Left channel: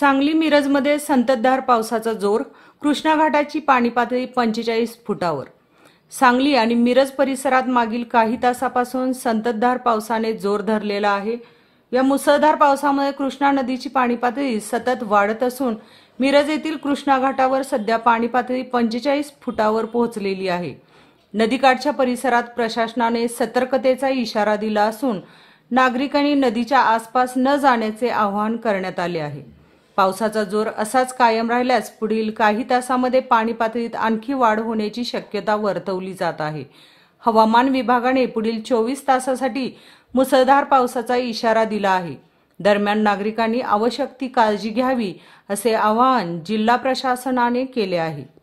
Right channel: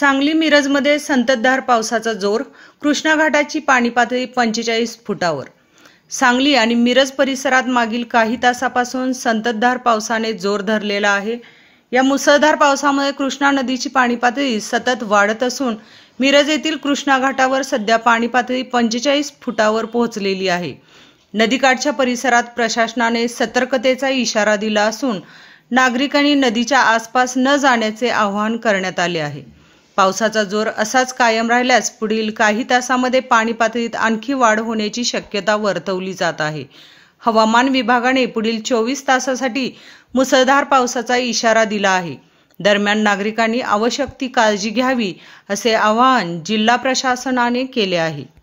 सांगली मिरजमध्ये संततधार पावसाचा जोर, कृष्णा घाटाची पाणी पातळी 45 फुटावर। सांगली आणि मिरज परिसरात मागील काही तासापासून संततधार पावसाने जोर धरलेला आहे। या मुसळधार पावसामुळे कृष्णा नदीची पाणी पातळी सतत वाढत असून मिरज येथील कृष्णा घाटावर सध्या पाणी पातळी 45 फुटावर पोहोचलेली आहे। नदीकाठच्या परिसरात प्रशासनाने सतर्कतेचा इशारा दिला असून नागरिकांनी नदीच्या आसपास न जाण्याचे आवाहन करण्यात आले आहे। पावसाचा जोर असाच कायम राहिल्यास पुढील काही तासांमध्ये पाणी पातळीत आणखी वाढ होण्याची शक्यता वर्तवली जात आहे। हवामान विभागाने पुढील 24 तासांसाठी मुसळधार पावसाचा इशारा दिला आहे। दरम्यान नागरिकांनी आवश्यक ती काळजी घ्यावी असे आवाहन जिल्हा प्रशासनाने केले आहे।